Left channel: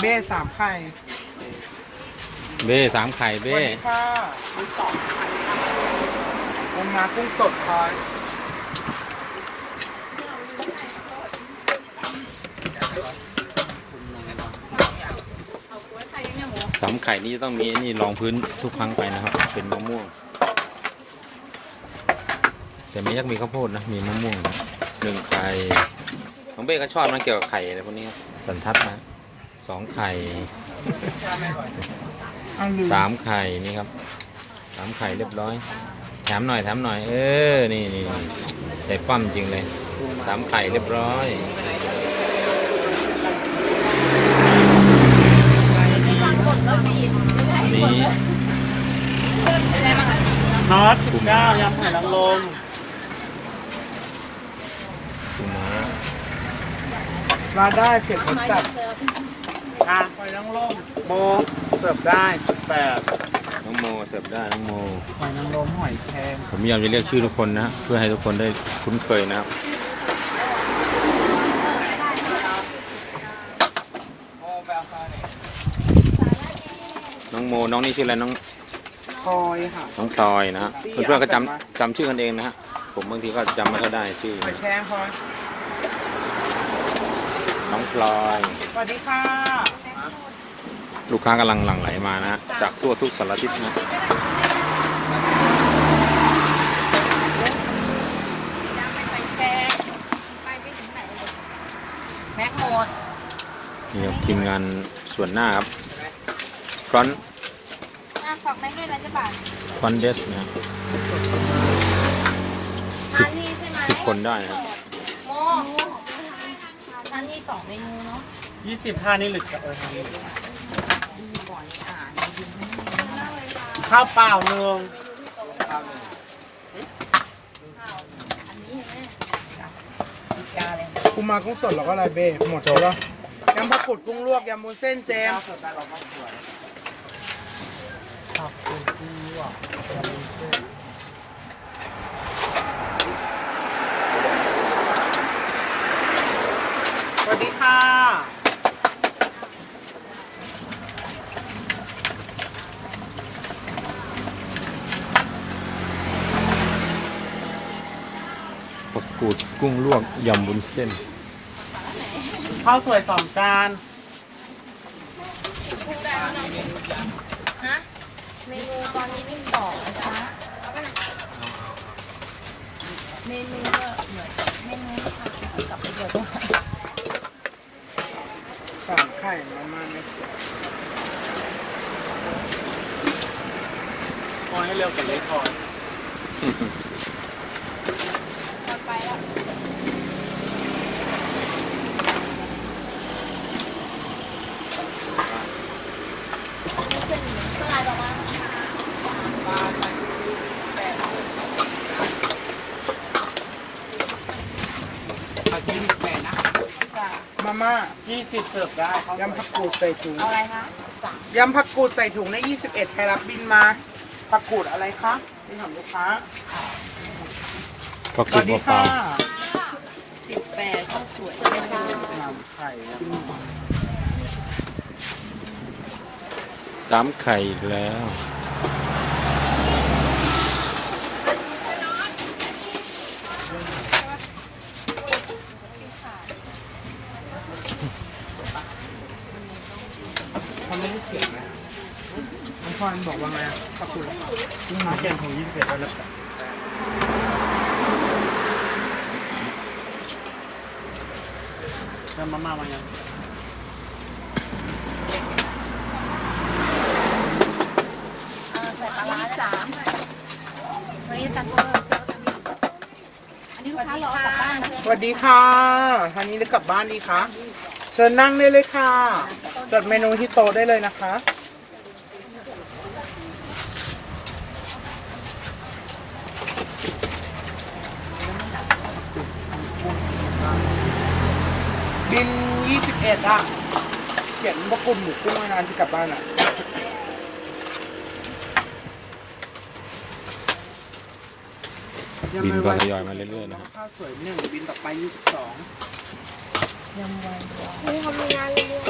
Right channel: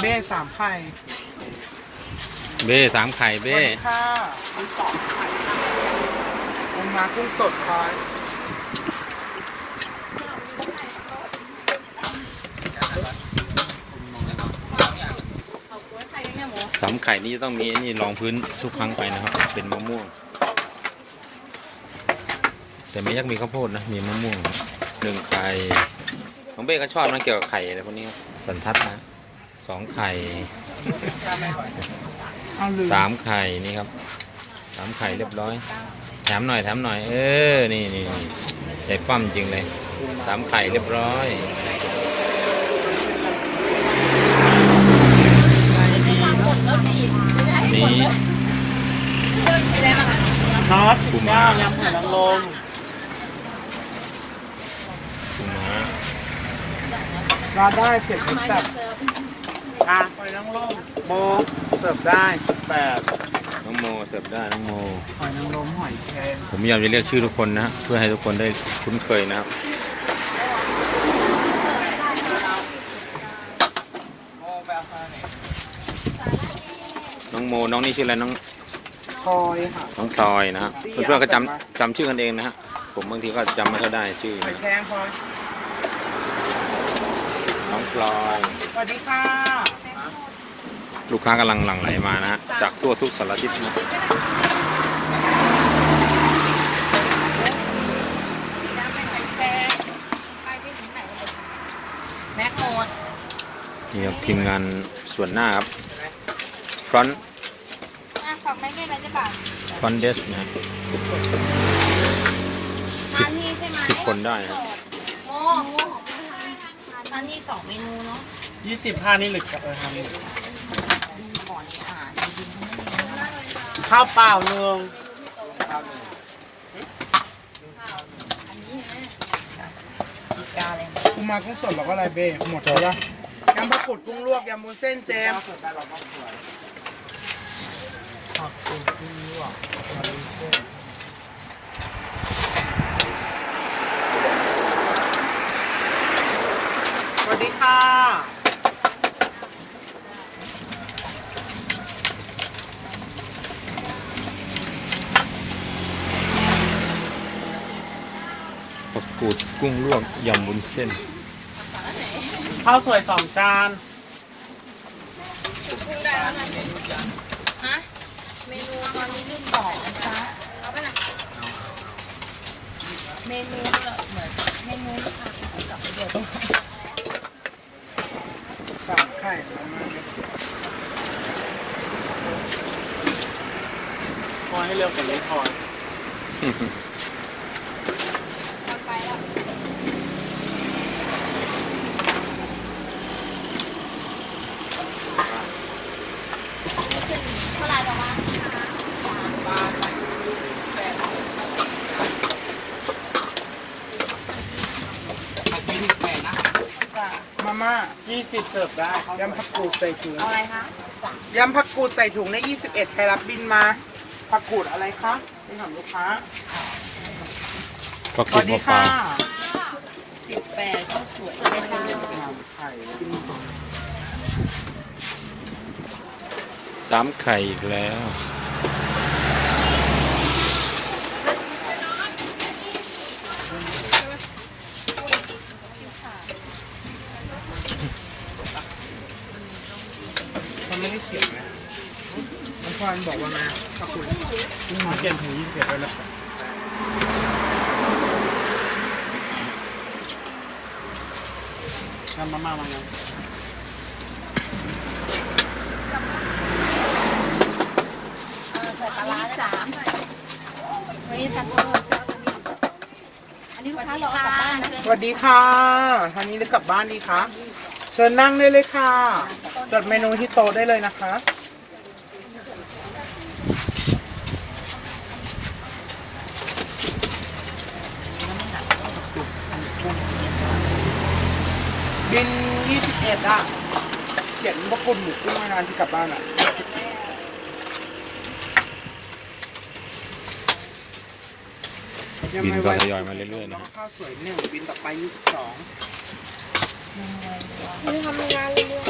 เบ้สามไข่เบ้สามไข่สวัเบ้สดีค่ะมีสองไข่ลงมากุ้งสดคอยสามไข่นี่จะต้องมีไอ้นี่รองพื้นทุกครั้งไปนะครับ เป็นมะม่วง แต่ไม่ยักมีข้าวโพดนะมีมะม่วงนะหนึ่งไข่ของเบ้ก็ชอบนะเกี่ยวกับไข่อะไรพวกนี้ครับสันทัดนะ สองไข่เอาลืมสามไข่นี่ครับสามไข่เรียบร้อย แถมหน่อยแถมหน่อย เออ นี่นี่นี่ใจปั้มจริงเลยสามไข่เรียบร้อยอันนี้นอตสิบเก้ายำไข่นางรมปูม้ามาได้เผ็ดรสจัด อะไข่นางรมโมเสิร์ฟได้แปดน้องโมเสิร์ฟได้น้องโมไข่นางรมหอยแครงผมพยายามจะเรียกชื่อทุกคนนะฮะเพื่อให้ทุกคนได้คุ้นเคยนะครับน้องโมน้องนี่ชื่ออะไรน้องคอยค่ะน้องพลอยนะฮะเพื่อนๆก็จำจำชื่อกันเองนะฮะผมบางทีก็จำไม่ค่อยได้ชื่อหอยนะแครงคอยน้องพลอย สวัสดีค่ะ ลูกค้ากำลังหลั่งไหลมานะฮะจากทั่วทุกสารทิศนะแม็กโหมดนี่ครับทีมงานส่วนหน้าครับ front อะฝากแม็กด้วยนะจ๊ะป่ะ front desk นะฮะสิบอันนี้ใช่ไหมสิบคนได้ครับโอ้อันนี้สองเมนูเนาะยี่สิบห้านี่หรือเออทำ ข้าวเปล่าเนืองกูมากุ้งสดแล้วก็อะไรเบ้หมดแล้วยำผักกุดกุ้งลวกยำบุนเส้นแจมผักกุดกุ้งลวกยำวุ้นเส้นสวัสดีค่ะประ กูดกุ้งลวกยำบุญเส้น ข้าวสวยสองจานฮะเมนูตอนนี้ที่สองนะคะเอาไปไหนเมนูเนี่ยเหมือนเมนูค่ะกลับไปเดี๋ยวต้องสามไข่ประมาณนี้พอให้เร็วกว่านี้พอ ตอนไปแล้วขึ้นเท่าไหร่ประมาณ มาม่ายี่สิบเสิร์ฟได้ยำผักกูดใส่ถุงอะไรคะยำผักกูดใส่ถุงใน21ใครรับบินมาผักกูดอะไรคะไปถามลูกค้าประสกูวัดสดีเปล่าค่ะสิบแปดข้าวสวยนะคะน้ำไข่กินๆสามไข่อีกแล้ว เขาไม่ได้เขียนนะน้อง พรบอกว่าไงผักกูดน้องเขียนถุงยี่สิบเอ็ดไปแล้วยำมาม่ามาไงอันนี้สามเฮ้ยตะโพกอันนี้ลูกค้ารอกลับบ้านนะสวัสดีค่ะทางนี้จะกลับบ้านดีคะเชิญนั่งได้เลยค่ะ จดเมนูที่โต๊ะได้เลยนะคะ บิน21อะเขียนว่ากุลหมูกุ้งมางานที่กลับบ้านอะ บินก็ทยอยมาเรื่อยๆนะฮะข้าวสวยหนึ่งบินต่อไป22นี่ทำงานเรื่อย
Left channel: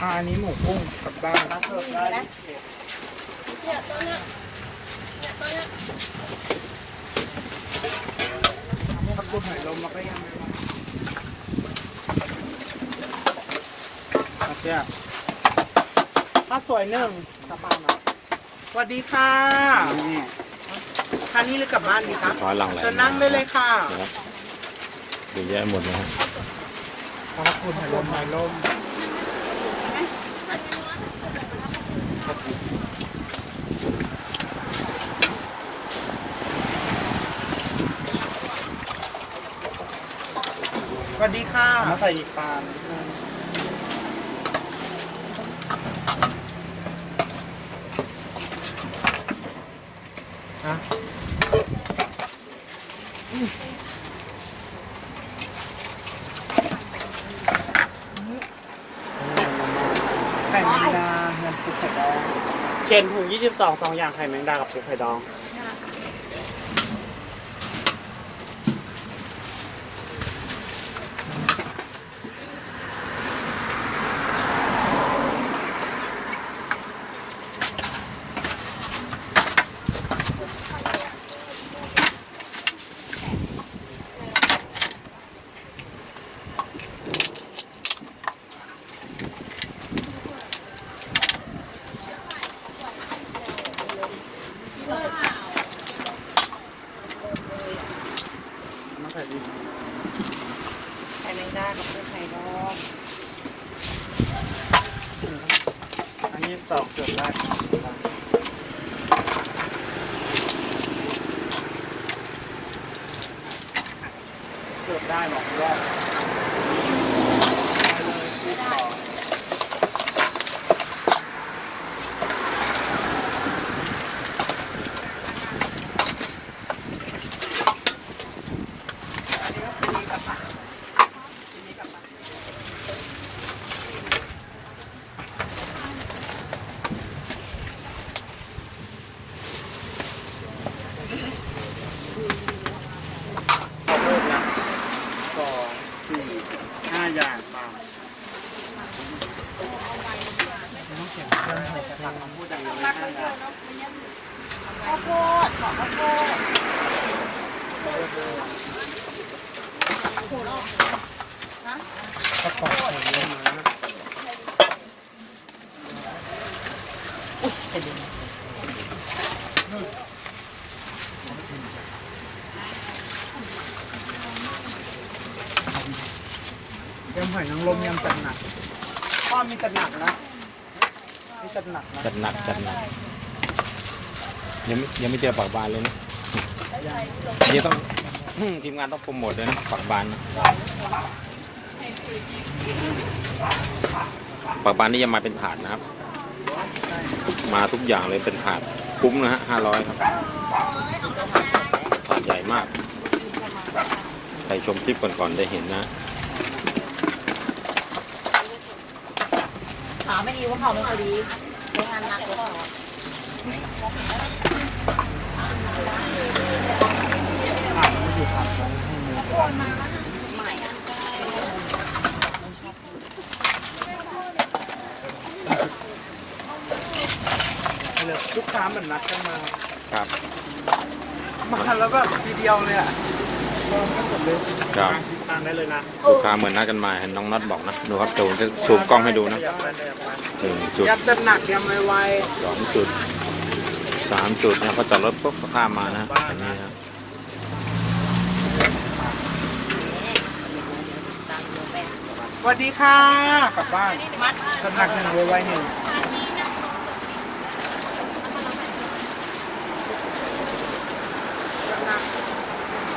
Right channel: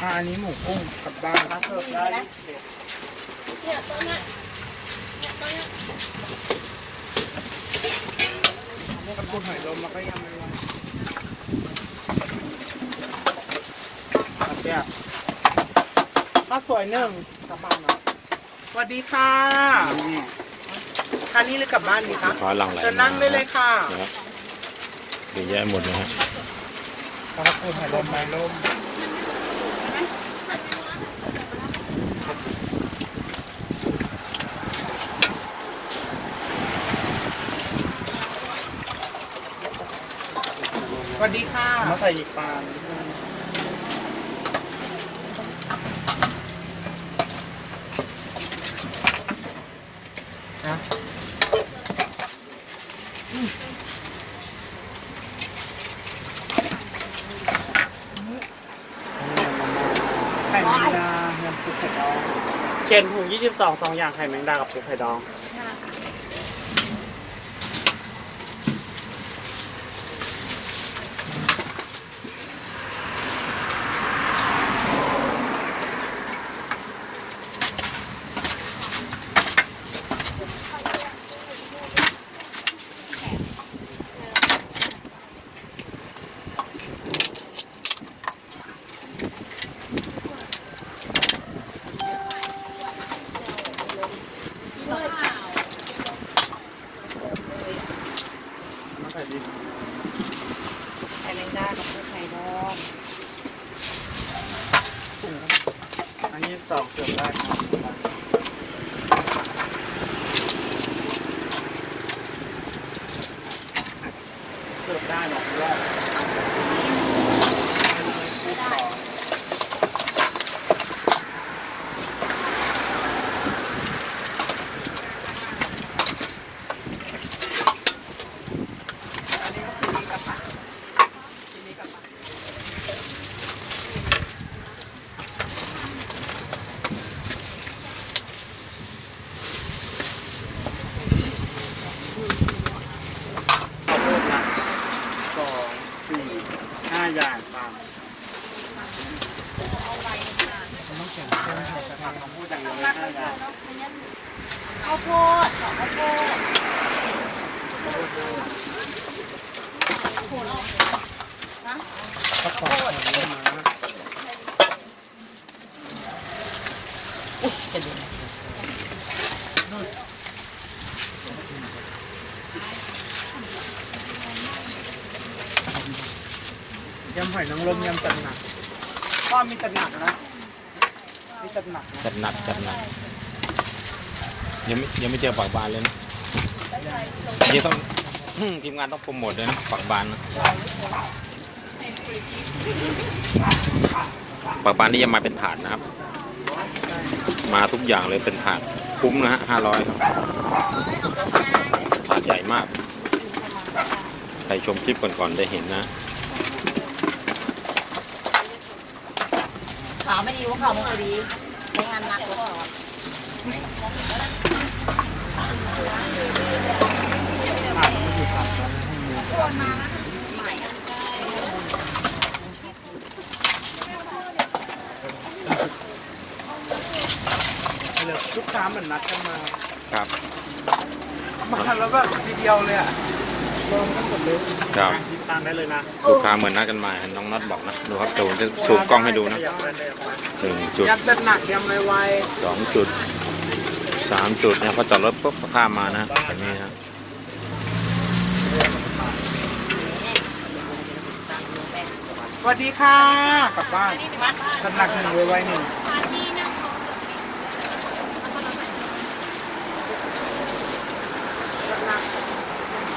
อ่าอันนี้หมูกุ้งกลับด้านเสิร์ฟได้เนี่ยตัวเนี้ยเนี่ยตัวเนี้ยพวกกระปุกหอยลมแล้วก็ยังไม่ลง ครับเนี่ยข้าวสวยหนึ่งสบายหน่อยสวัสดีค่ะทานนี้หรือกลับบ้านดีคะขอหลังไหลเชิญนั่งได้เลยค่ะนะครับเยอะแยะหมดนะฮะขอบคุณหอยลมหอยลมสวัสดีค่ะ มาใส่อีกตามฮะไข่แมงดาน้ำซุปไข่ดอง เขียนถุง 22สองอย่างไข่แมงดากับปูไข่ดองใส่ดี ไข่แมงดากับปูไข่ดอง ยี่สิบสองเกือบได้เกือบได้หรอกว่า ขอโทษนะสองสี่ห้า อย่างป่าข้าวโพดขอข้าวโพดกระป๋องของเนื้อม้า อยนางรมยำจัดหนักพ่อมีจัดหนักนะมีจัดหนักนะจัดหนักจัดหนักยังไม่ยังไม่เจอปากบานเลยนะนี่ต้องทีมงานต้องโปรโมทเลยนะปากบานนะปากบานนี่จะมาเป็นถาดนะครับ มาทุกอย่างเลยเป็นถาดคุ้มนะฮะห้าร้อยครับถาดใหญ่มากใครชมคลิปก่อนๆได้เห็นนะ ถาไม่ดีว่าเขาไม่พอดีในงานหนักหรือเปล่าผักคือผักนะให้หมูใหม่เลยลูกค้าเหมือนนัดกันมา ครับ มาแล้วก็ทีเดียวเลยอะ รวมกันหมดเลยครับติดตามได้เลยนะลูกค้าเหมือนนัดกันมาเห็นน้องน็อตบอกนะดูครับจูจะซูมกล้องให้ดูนะยำแรงๆหนึ่งจุด ยำจัดหนักยำไวสองจุดสามจุดเนี่ยพอจอดรถปุ๊บก็ข้ามมานะแบบนี้นะๆสวัสดีค่ะ กลับบ้านจัดหนักหนึ่งไวๆหนึ่ง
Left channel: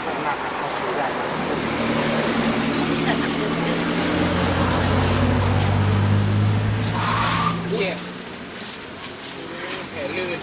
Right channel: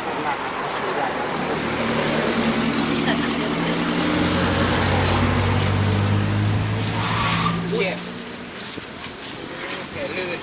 จัดหนักอะเขาซื้อใหญ่มาก เชี่ยแขนลื่น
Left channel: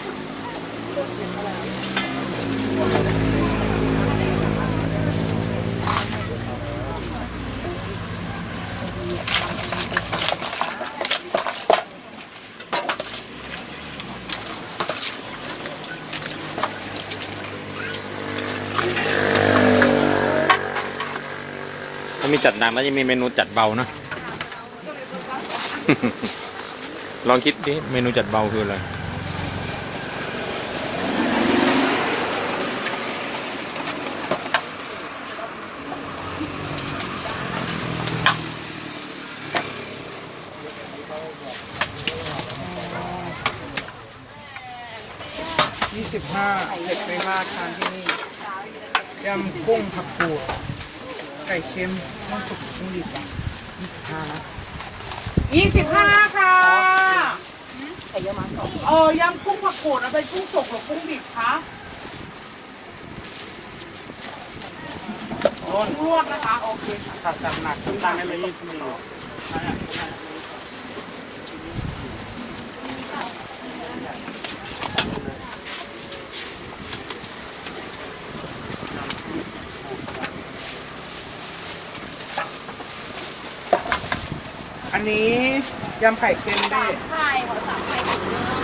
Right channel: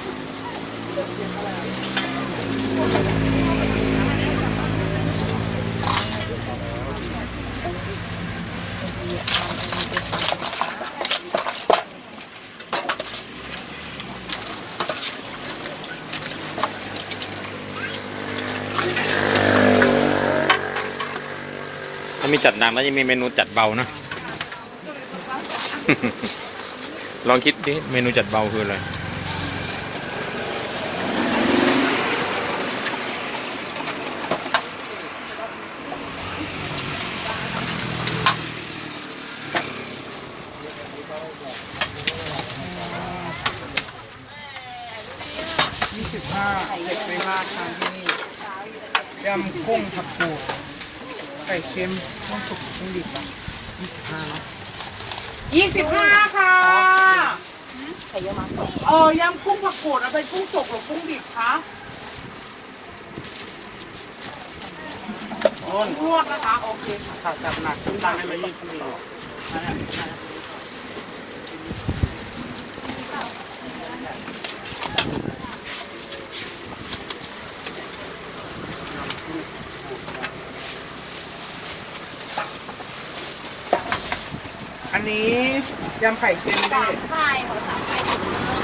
ถ้ามีจัดหนักแล้วจะมีเมนูจัดเบานะ ลองคิดดิ เมนูจัดเบาคืออะไร ยี่สิบห้าเผ็ดไม่มากทานที่นี่ยำกุ้งผักกูดไก่เค็มข้าวสุกกุ้งดิบอะยี่สิบห้านะยี่สิบห้าค่ะใส่เยอะมากเออยำกุ้งผักกูดเอาเป็นกุ้งสุกหรือกุ้งดิบคะโอ้นวดนะคะโอเคค่ะค่ะจัดหนักขึ้นตังให้เลยยี่สิบสี่อันนี้ยำไข่เค็มด้วย ใช่ของใส่ถุง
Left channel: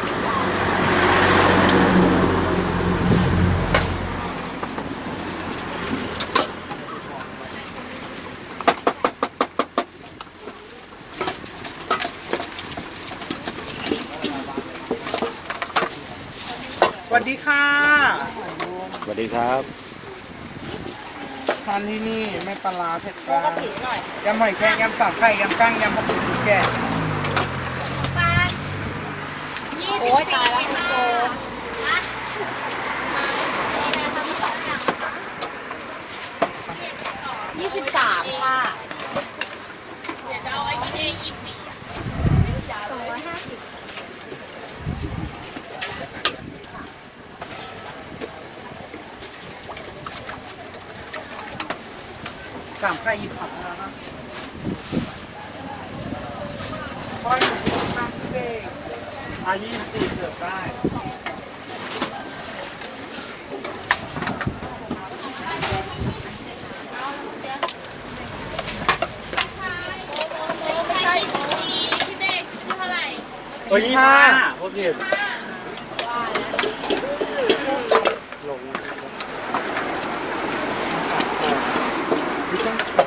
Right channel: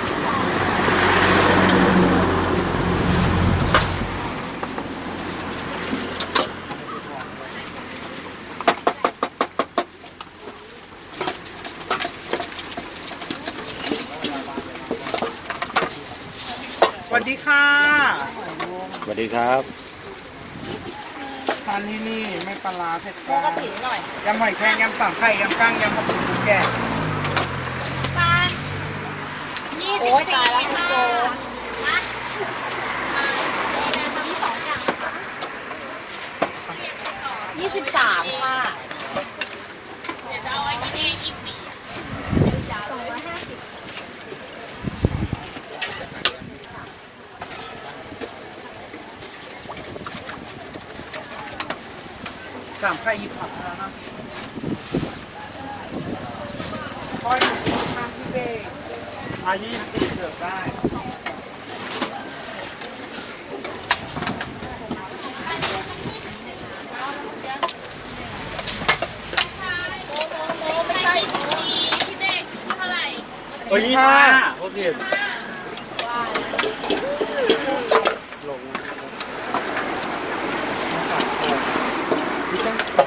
สวัสดีค่ะ สวัส ดีครับ ทานที่นี่ไม่ปลาร้าเผ็ดกปลากงติหน่อยยำหอยแครงยำสามไข่ยำกั้งยำผักชีชุดแก่ โอ้ยตายแล้วคุณโจยี่สิบสามค่ะ สามไข่หยิบผักแล้วนะคอยหนูข้างพี่เบงอายี่สิบสี่เสิร์ฟได้โอ้ยยี่ห้าโอเคลง พี่ต้องไข่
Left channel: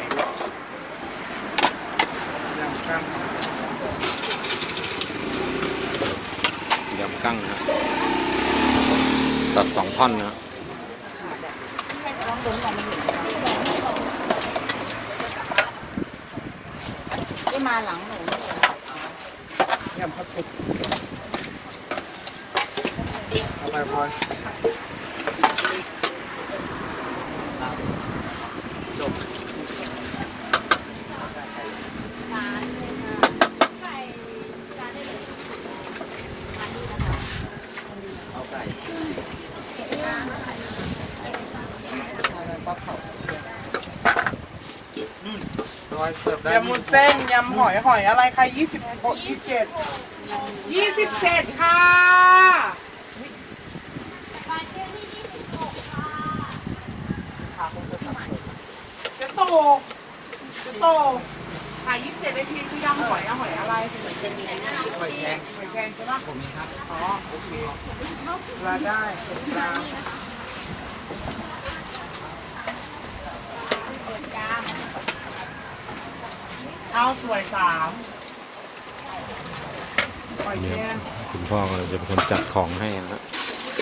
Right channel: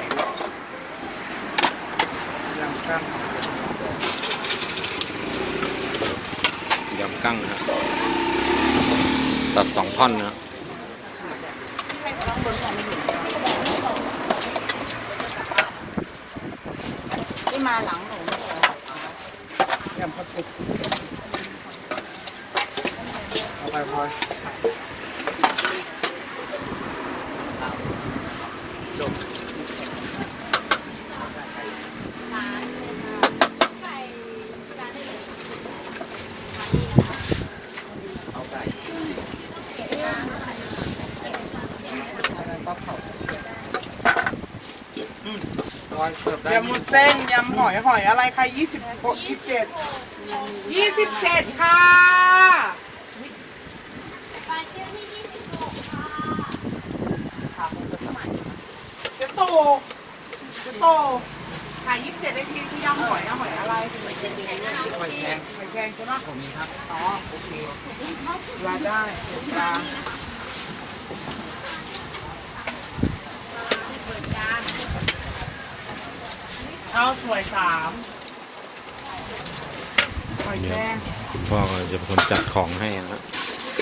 ยำแกั้งนะฮะตัดสองท่อนนะฮะ ที่มาหลังหนู ยำผักกุดเอาไปพลอยยำ มุนเส้นยำหอยหอยอะไรใครยี่สิบหกยี่สิบเจ็ดยี่สิบเจ็ดค่ะเจะโตเจะโตขายยี่สิบเจ็ดได้ทีคือยำหอยหอยอะไรหอยแครงหอยแครงหอยแครงใช่ไหมผมมีครับอ๋อโอเคลาได้จาน เปิดจาน ข้าว สวยสามหอยเนี่แคยรงคุณพ่อก็จะเป็นคนจัดของให้นะฮะ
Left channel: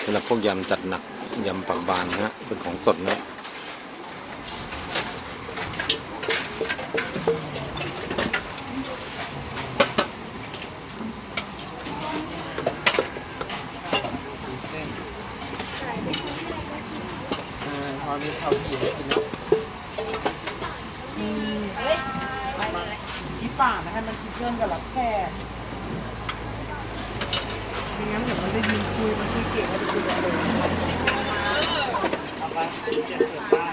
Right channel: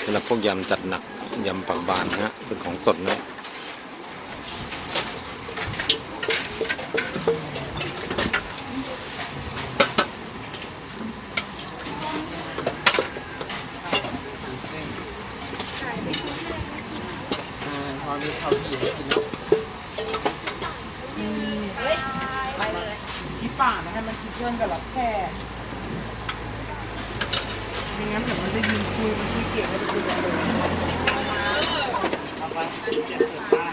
สำหรับพวกยำจัดหนักยำปักบานนะฮะเป็นของสดนะ พอมีข้าวผีกิน เฮ้ย ไปเลย ที่ป่านะให้มันคิดเพื่อนกับหลักแค่ไม่งั้นเดี๋ยวมันได้ยินคุยมันคุยเก่งแล้วจะคุยกันเลยเอาไปเจ็บเจ็บได้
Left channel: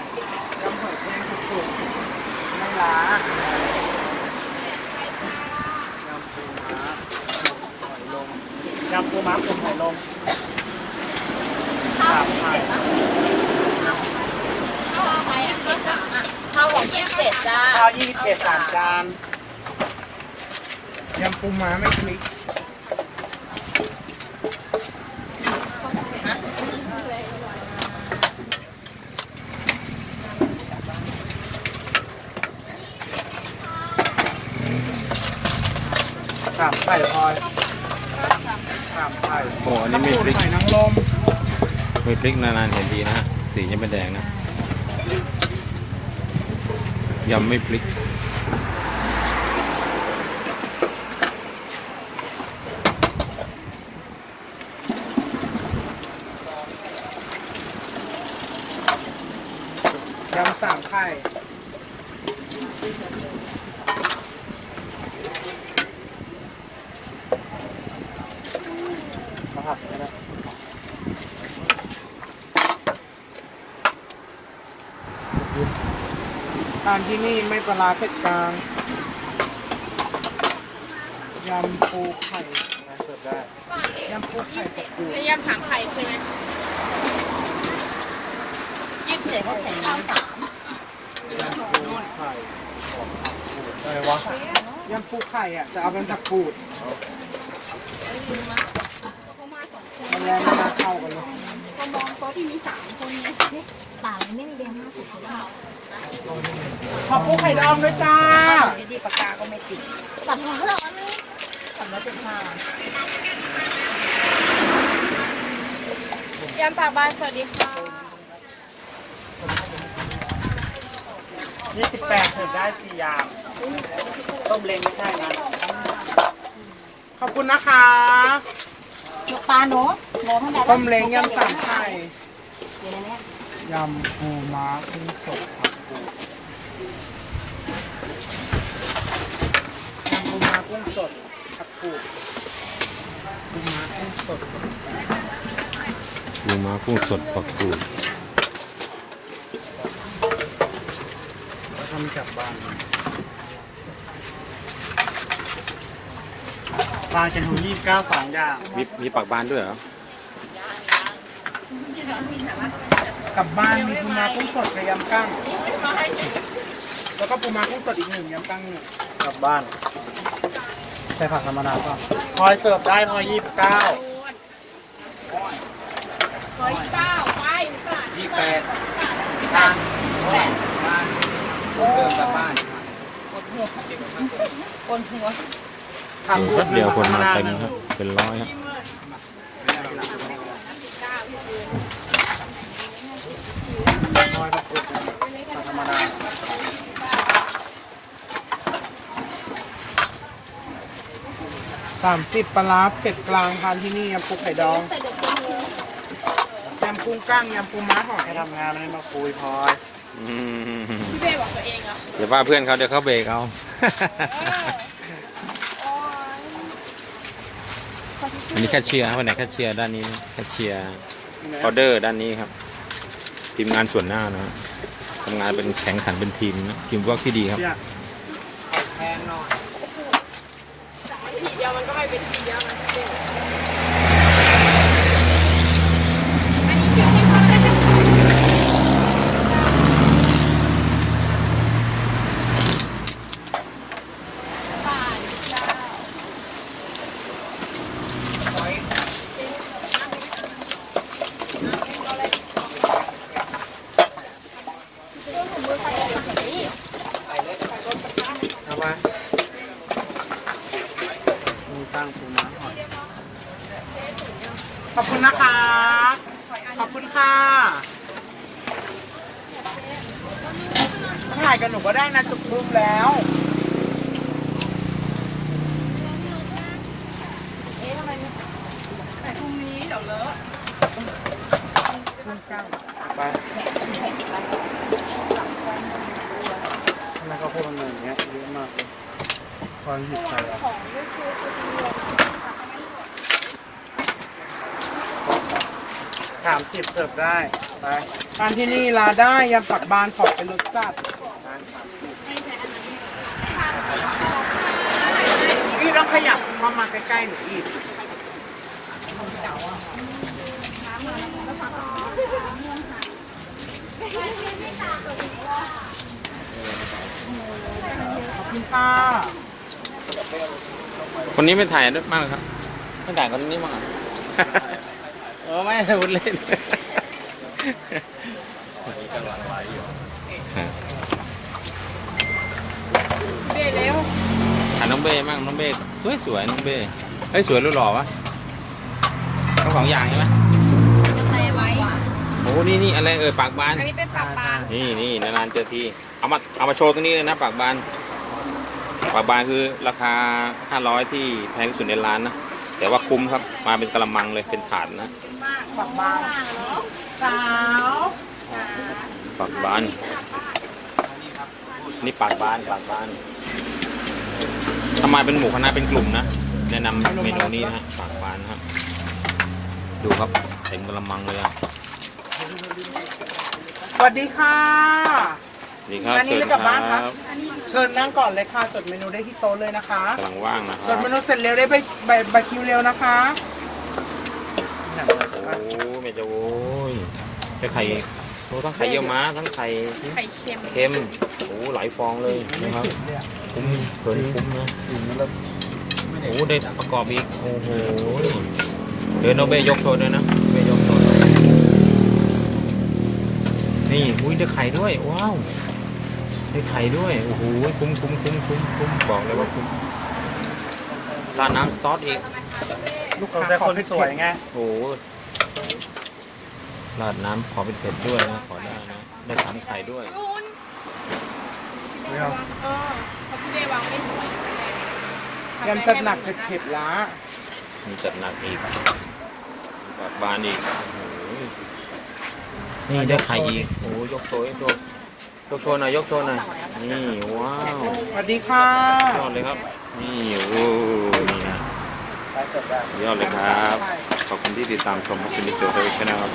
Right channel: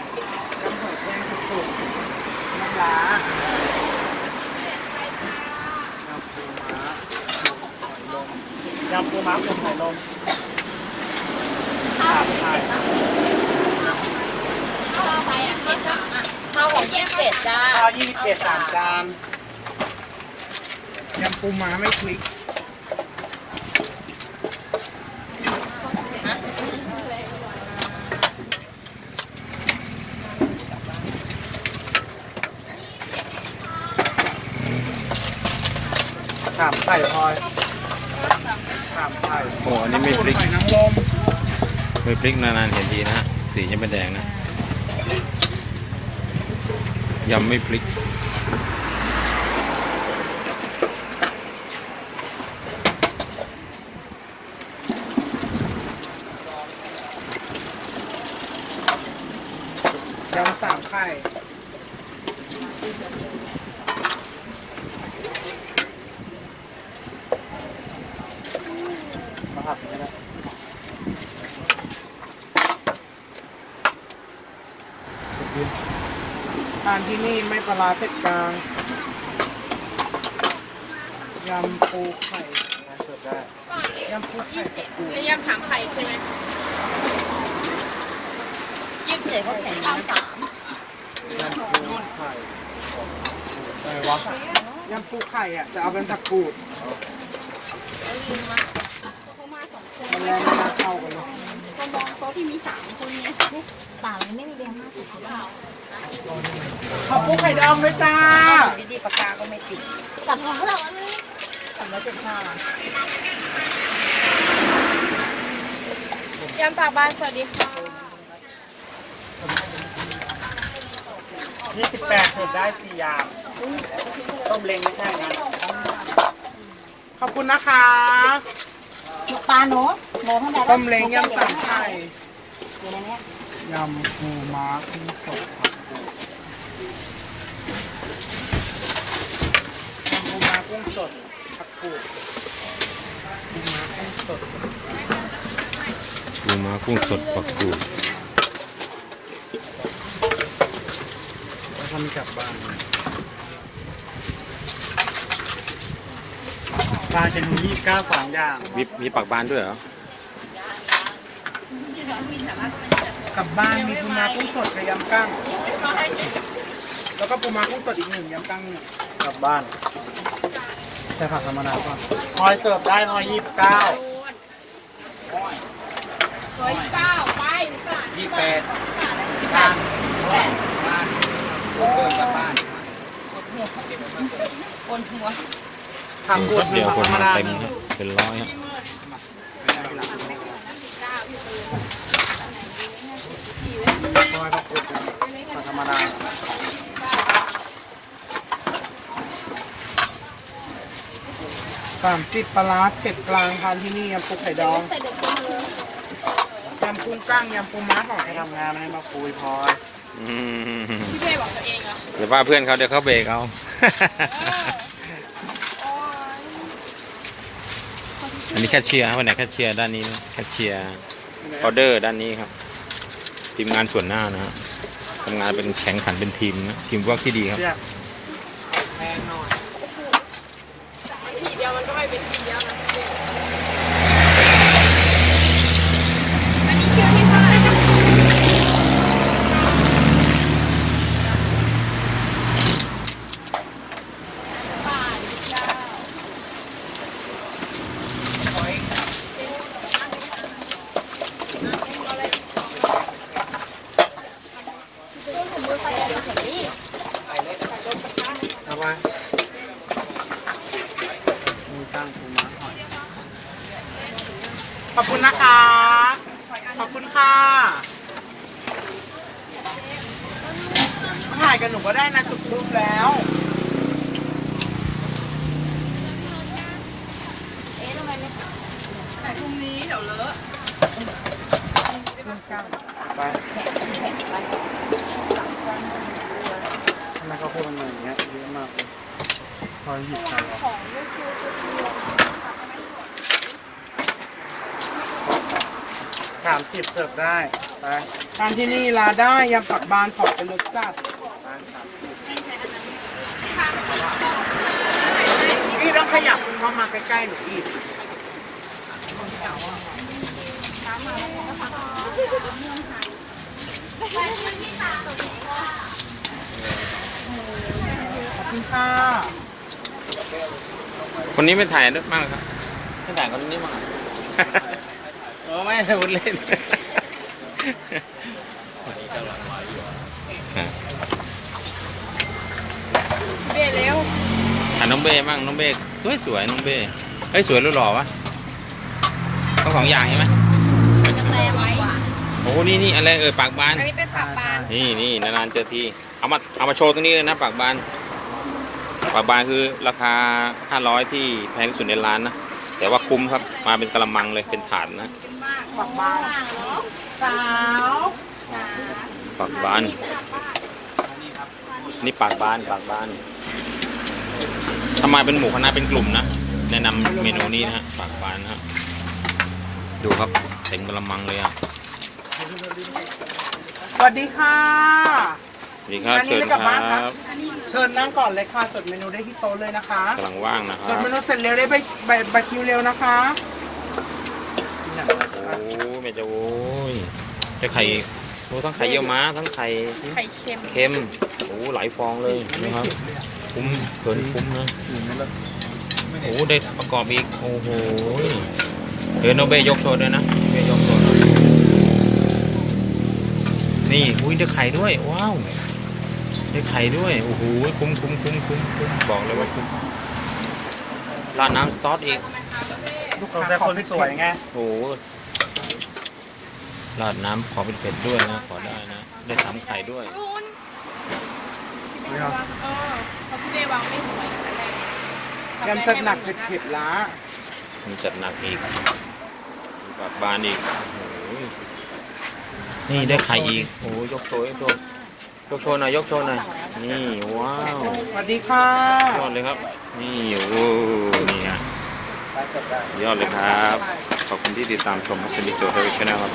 ยำหอยแครงสุดๆน้ำ ล้ายำปูม้าหอยลงยำปูม้าปูหอยลงข้าวยี่สิบเจ็ดนะข้าวไปอะที่สามอะข้าวของยี่สิบเจ็ดจ้าข้าวยี่สิบเจ็ดสามจานยำปูม้าไม่พลิก ไก่พลอยามไข่โอ้อันนี้ไม่พริกหอยนางรมไม่พริกนานๆเห็นทีนะฮะสียังไม่แดงนะยำไม่พริก ยำสามไข่มาผัดก็ได้ทานที่ นี่ไม่ปลาร้าเผ็ดกลางยำปูไข่เสิร์ฟได้ยำปูไข่กับปูแล้วยำถามไข่ใช่ไหมยี่สิบเจ็ดเขาแข่งยำสามอะไรวะยำปูไข่อะจะเอาเป็นผักกูดแล้วลืมมามันแรงไม่น่าเข้ากันเลย ต่างไม่เรียงมากกว่าเราขอบปูไข่ดองด้วยจ้าดีๆปากกาก็ไม่ติดสั่งของเราสั่งแล้วสิบห้ายำปากบ้านสวัสดีค่ะยี่สิบแปดเสิร์ฟได้สี่อย่างต้มเล้งไม่ใช่นะขอบคุณนะคะ ปลาโน้โน้ท่านใด ต้มเล้งยำสามไข่อยู่ในนี้ยำปูม้ากุ้งสดยำปูม้ากุ้งสดผักกูดปูม้ากุ้งสดปูม้ากุ้งสดปักกูดทำจากบ้านปลาเค็มหูยี่สิบเก้าสองอย่างมีมีปักบานด้วยเหรอ กลับบ้านมีปูม้ากุ้งสดกับยำกั้งแล้วก็ปูม้ากุ้งสดอีกหนึ่งยำกั้งหนึ่งกลับบ้านใส่ผักธรรมดาก่อนพลอยเสิร์ฟได้พลอยยี่สิบเก้าร้อยเก้าไปค่ะยี่แปดคนหัวโอ้แป๊บเดียวคนมาเต็มครับ เป็นร้อยครับ พลอยผักกูดผักธรรมดาสามสิบปลาร้าเผ็ดกลางทานที่นี่ยำปูไข่ดองแต่เด็กคนหัวยำปูกั้งยำปูม้าหอยไปทำงานให้มาคุยพลอยอืมพี่เบ้บอกตัวเองเหรอเดี๋ยวว่าเพื่อนเขาเดี๋ยวเขาเบรกเอาโอ้ยอันนี้แคชเชียร์ครับวันไหนแคชเชียร์ด้านนี้นะแคชเชียร์ออเดอร์ด้านนี้ครับ ทีมงานส่วนหน้านะฮะทำงานเป็นแข่งขันเป็นทีมนะทีมวัร์กที่ดีครับเนี่ยแพงหน่อยทีเดียวมันก็ไม่เป็นทีเดียวนะพี่เบ้อันนี้คิวที่เท่าไหร่ เอาไว้ มีตั้งปูม้าหอย ขอบคุณนะคะ ขอบคุณค่ะถ่ายกันหนูก็ได้นะจุดรูปแล้ว แต่พรุ่งนี้เดี๋ยวเลอะ เครื่องกั้ง ไป แล้วก็พูดมันอย่างเงี้ยเยอะมากเลยพอยหยิบใส่อะของไม่คือคือเดียวสามสิบเสิร์ฟได้ไปทานที่นี่ลาได้ยำผักบานขอบเป็นรสจัดพี่ต้องขยับเข้ามาใกล้ๆหน่อยอีกขอบ คุณค่ะคนนี้ไม่ถ่ายด้วยมากเลยครับไม่ถ่ายคนนี้มั้างเหรอเออไม่พูดเล่นเบ้เร็วถ่ายน้องเบ้มั่งน้องเบ้สวยสวยๆน้องเบ้เฮ้ยสวยหรือหล่อวะต้องสองอย่างใช่ไหมใส่ไว้ โอ้นี่นี่อะไรเออปากบาน อันนี้เป็นปากบานนี่นี่นานๆเจอทีเอามาเอามาโชว์ตรงนี้เลยนะปากบานปากบานคือราคา 500 ที่แพงที่สุดในร้านนะแต่ว่าคุ้มครับมาเป็นกระมังเลยเป็นถาดนะปากบ้านสาวปากบาน นี่ปากบานปากบานถ้ามาเป็นหมูคณะเป็นกลุ่มนะแนะนำเมนูนี้นะฮะปากบานนะฮะดูครับเต็มกระมังเลยอะ สวัสดีค่ะ สวัสดีครับ อันนี้เชิญไม่คกลับบ้านครัรับ บเชิญนั่งก่อนเลยค่ะจดเมนูได้ที่โต๊ะเลยนะคะกำลังว่างนะคจรัดบ เมนูเสร็จเร็วได้ใบใบใบคิวเร็วนะคะโอ้แม่จะโอ้ยได้ไข่โอ้ทั้งไข่เยี่ยวม้า ทั้งไข่ไข่เค็มเค็ม โอ้หลายฟองเลยนะครับ คุ้มเกินคุ้มนะ โอ้ได้ประกอบอีก โอ้โหเดี๋ยวโนเบยกโชว์ด้วยนะเบยกโชว์ห น่อยนี่อุ้ยได้ไข่ด้วย ว้าวได้ไข่ด้วยโอ้โหคุ้มคุ้มคุ้มคุ้มคุ้มบอกเลยว่าคุ้มราดน้ำซอสอีกสงสัยคนสวยไงโอ้โหราดน้ำขอเป็นเผ็ดด้วยนะขอได้นะ ได้สามไข่ด้วยไม่เอาเออเขาที่ได้วางไว้หัวกันจัดหนักเผ็ดๆละมีจัดหนักอีกมีปากบานอีกโอ้โห นี่ได้ไข่อีก โอ้โหยกโชว์ยกโชว์ยกโชว์หน่อยยกโชว์หน่อย นี่ว้าวสวัสดีค่ะยอดเลยครับ นี่โอ้โหนี่ฮะไปเสร็จแล้วยอดเลยครับ ขอบคุณที่ติดตามชมครับชนิดโจทย์ทวีชแนลครับ